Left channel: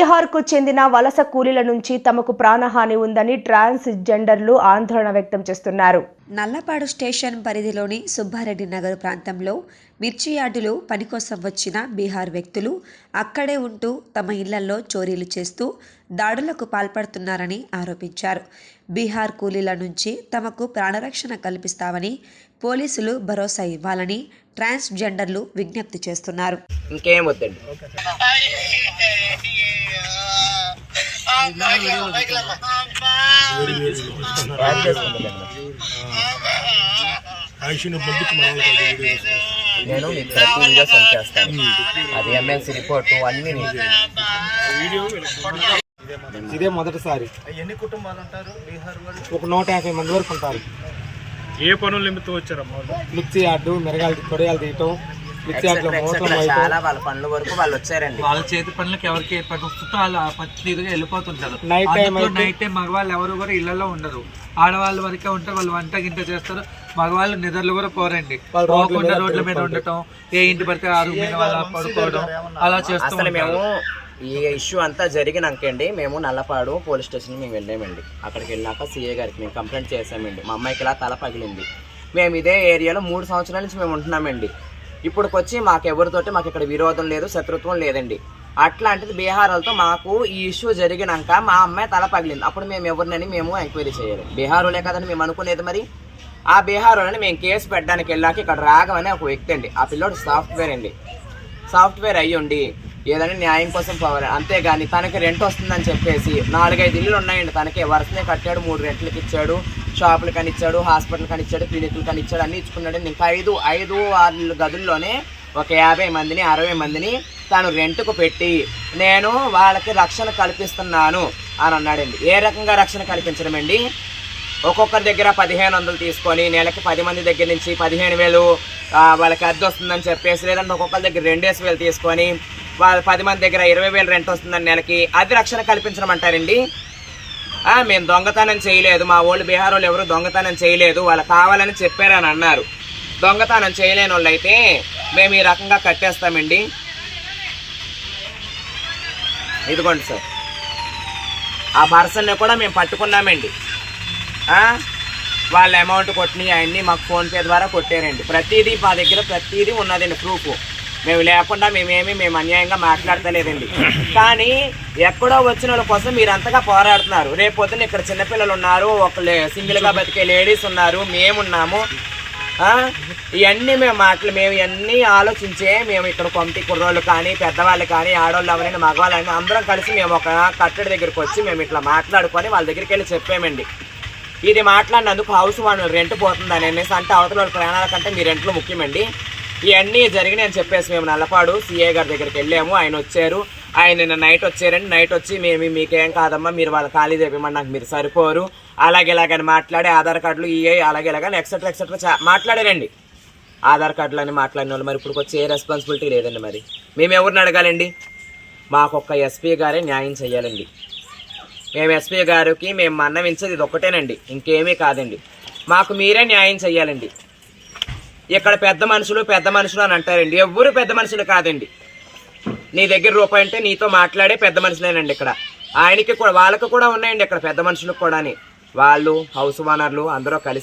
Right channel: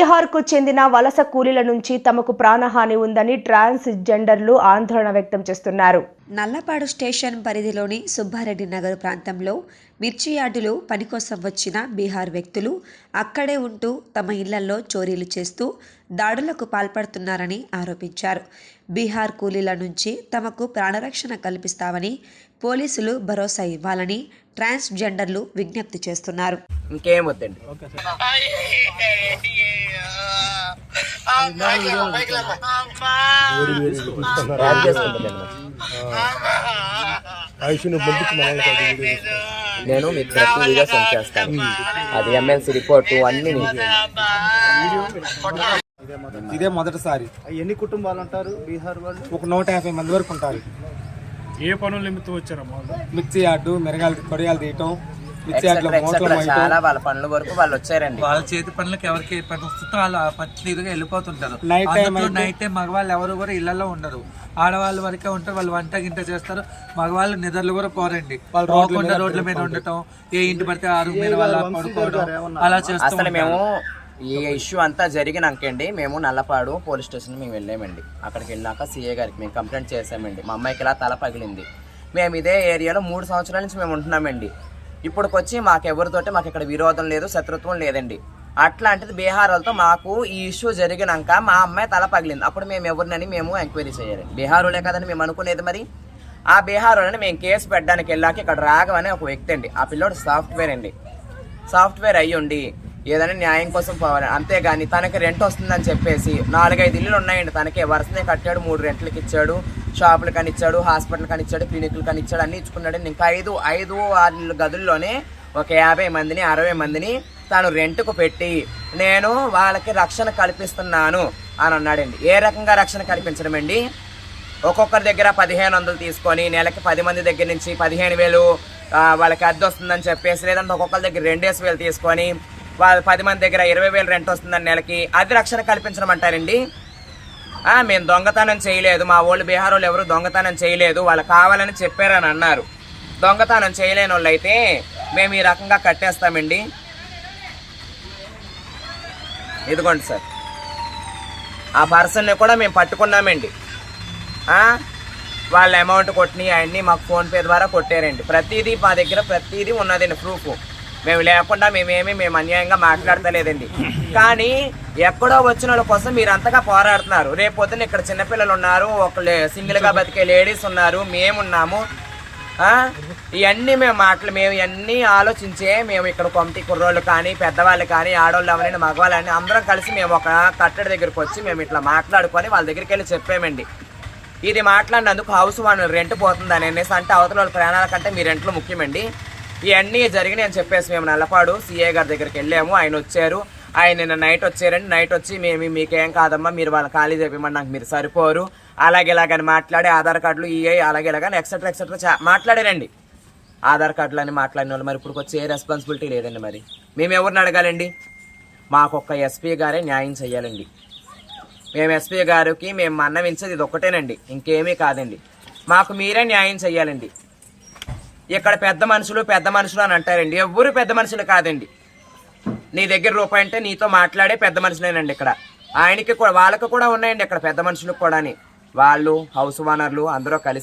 బీహార్కు చెందిన వలస కూలీల నుంచి తమకు ప్రాణహాని ఉందని ట్రాన్స్ జెండర్లు ఆందోళన వ్యక్తం చేస్తున్నారు. నల్లపాడు స్టేషన్ పరిధిలోని సుబ్బారెడ్డి నగర్ ప్రాంతంలో మిర్చి యార్డులో పని కోసం వచ్చిన బీహార్ వ్యక్తులు అక్కడే ఉంటూ తమ ఇళ్లలో చోరీలు చేస్తూ దాడులకు పాల్పడుతున్నారని ఆరోపించారు. బీహార్ కూలీల నుంచి తమకు ప్రాణరక్షణ కల్పిస్తామని పోలీసులు భరోసా ఇవ్వాలని ట్రాన్స్ జెండర్లు విజ్ఞప్తి చేస్తున్నారు. ఇంకేం వద్దండి. నేను మీకు ప్రతి వీడియో సెండ్ చేస్తాను. అది ఎమ్మెల్సీ రిపోర్టు అన్ని. ఇదే మొదటిసారి. ఎన్ని కుటుంబాలు ఉంటారు బీహార్ వాళ్ళు? ఒక 150 మంది వరకు ఉంటారు. ఏ పనులు నిమిత్తం వచ్చారమ్మా? మిర్చి యార్డు, మిరగాయలు కొడగాయలు తీయటం, మిర్చి యార్డులో మోసం చాలా వాళ్ళ పనుల వరకు వాళ్ళు వచ్చారండి. వాళ్ళ చేతి పనులకు ఎవరికి ఏ పని వస్తుందో వాళ్ళు పచ్చిగా వెళ్ళిపోతుంటారు. నైట్ టైం మగవాళ్ళు ఎవరు కూడా ఇళ్లలో ఉండరు, ఆడవాళ్ళు వరకే ఉంటారు. వాళ్ళు వంట గింట చేస్తారు, మగవాళ్ళు నిద్రలు కూడా పోరండి. పోకుండా రోడ్ల మీద ఉండటం, ఏ ఇంటి పడితే ఆ రూమ్ మీద వాళ్ళ పడుకోవడం అలా చేస్తూ మేము ఈ ఇష్యూ అంతా జరిగినాకండి మేము నల్లపాడు పోలీస్ స్టేషన్ మేము వెళ్ళామండి. అక్కడికి వెళ్ళాక సీఏ గారికి మేము కంప్లైంట్ చేసామండి. మా అమ్మాయికి ఇలా తల పగిలింది. మేము ఇదే ఏరియాలో 3 సంవత్సరాల నుంచి మేము ఉంటున్నామండి. ఇప్పుడుకొచ్చి మాకెవరితోటి మాకు ఇక్కడ విరోధం లేదు, శత్రుత్వం లేదండి. అట్లాంటిది బీహార్ వాళ్ళతో మాకు ఈ ఇష్యూ జరిగినాక మా అమ్మాయి తల పగిలింది. అప్పుడు మేము ఎవరినని మేము ఎంక్వైరీ చేయాలి. బీహార్ వాళ్ళే కదని మేము అనుకునేది. మరి ఆ బీహార్ వాళ్ళని మేము కేసు పెట్టడానికి వెళ్ళాక ఇక్కడ రాగమని ఒక వ్యక్తి అండి. ఆ పిల్లోడు సాఫ్ట్వేర్ అండి. సాఫ్ట్వేర్ అయ్యుండి ఏదైనా న్యాయం కోసం పోవాలి, అంతేగాని తనకి రెంట్ వస్తుందని చెప్పేసి 4-5 ఇల్లులు ఉన్నాయండి. తనకి వరుసనే కట్టాడు, 3 రెంట్లకి ఇచ్చాడు, షాపులు కనిచ్చాడు, హాస్పిటల్ కనిచ్చాడు, క్లినిక్లు కనిచ్చాడు, అన్నీ ఇచ్చుకున్నాడు. ఇంకా 5-6 గదుల్లోనే ఒక 50 మందిని 60 మందిని తాను రెంట్కు పెట్టి నేను వాళ్ళకి రక్షణ కల్పిస్తున్నాను అని అన్నాడండి. ఏ రకంగా రక్షణ కల్పించడం అండి? ఒక్కొక్కరి దగ్గర 1500 తీసుకొని నెలకి 10 మంది దగ్గర నుంచి 15,000 వాళ్ళకి అద్దె వస్తుందని చెప్పేసి, లేదంటే ఒక్కొక్కరి దగ్గర 2,000 తీసుకొని వాళ్ళు 10 మంది దగ్గర 20,000 రెంట్ వస్తుందని నెలకి, అది రక్షణ కల్పించడం అంటారండి? మేము దొంగతనం చేయలేదు, మా వాళ్ళు బీహార్ వాళ్ళు ఎవరు దొంగతనం చేయలేదు, వాళ్ళు కావాలని చెప్పారని అన్నారు. దొంగతనం చేయలేని వాళ్ళు అయితే మేము ఈ రకంగా కట్టేస్తామండి. ఇదిగోండి సార్, ఆ పర్సన్ని కూడా మేము పట్టుకున్నామండి. వాళ్ళ అమౌంట్ కొట్టినాయి అవన్నీ మాకు ఫోన్పే ద్వారా కొట్టారండి. ప్రతిదీ మా దగ్గర ప్రతిదీ ఉన్నదండి ప్రూఫ్. మేము లేకుండా మేము అన్యాయంగా మాట్లాడతలేదండి. కానీ ఎక్కడో వచ్చిన వాళ్ళ కోసం మీరు అంతగా పోరాడుతున్నారు. రేపొద్దున ఇక్కడ చిన్నపిల్లలు ఉన్నారు, ఒక సింగిల్గా బతికే లేడీస్ ఉన్నారు, మేమున్నాము. ఇవన్నీ మేము ఇవన్నీ ఆలోచించే మేము ఇక్కడ కమిటీ కుర్రోళ్ళు కానీ పెద్దవాళ్ళు కానీ ఆడవాళ్ళు ఎవరైనా మగవాళ్ళని అందరం కలిసి మేము ఒక కట్టడి దగ్గరికి వచ్చి మేము ఇట్లా మాట్లాడుకొని వాళ్ళ దగ్గరికి వెళ్ళి చెప్పామండి. ఇది మాట్లాడినందుకు హౌస్ మన రెంట్ పోతుందని అనేసి, అంటే అవతల వాళ్ళ ప్రాణాల కంటే మీ రెంట్లు ముఖ్యమండి. ఇవన్నీ జరిగినాయి అని చెప్పేసి మేము నల్లపాడు సీఏ గారి దగ్గరికి వెళ్ళాము. ఆయన వచ్చారు. ఆయన నిన్న నైట్ వచ్చారండి. నైట్ వచ్చి మీకేం కాదమ్మా, మీరు వాళ్ళ ఖాళీ చెప్పమని, నాకు మీరు సరిపోరు, అలాగే ఇలాగని మాట్లాడి ఆధార్ కార్డులు అలాగే ఇలాగని ఎక్సెట్రా మాట్లాడారండి. ఆధార్ కార్డులు అని మాట్లాడిన వాళ్ళు మరి ఇప్పుడు వచ్చి ఏ రెస్పాన్సిబిలిటీ లేదండి. మరి మేము ఎవరిని అడగాలండి? మాకొక్క ఎస్పీ గారే న్యాయం చేయాలండి. మేము ఎస్పీ గారికి మేము మన్నవించేది ఇది ఒక్కటేనండి, ఇంకేమీ కాదండి. మాకు మీరే న్యాయం చేయాలండి. ఇక్కడ పెద్ద మనుషులు అని అంటారండి. ఎవరు పెద్ద మనుషులు కాదండి. నీ దగ్గర రూపాయి అంటే నీతో మాట్లాడే పెద్ద మనుషులేనండి. ఇక్కడ ఆయనకి కూడా వాళ్ళకి కూడా ఉన్నాయండి ఇక్కడ పెద్ద మనుషులకు కూడా. వాళ్ళు హౌస్ ఓనర్లు అందరూ కలిసి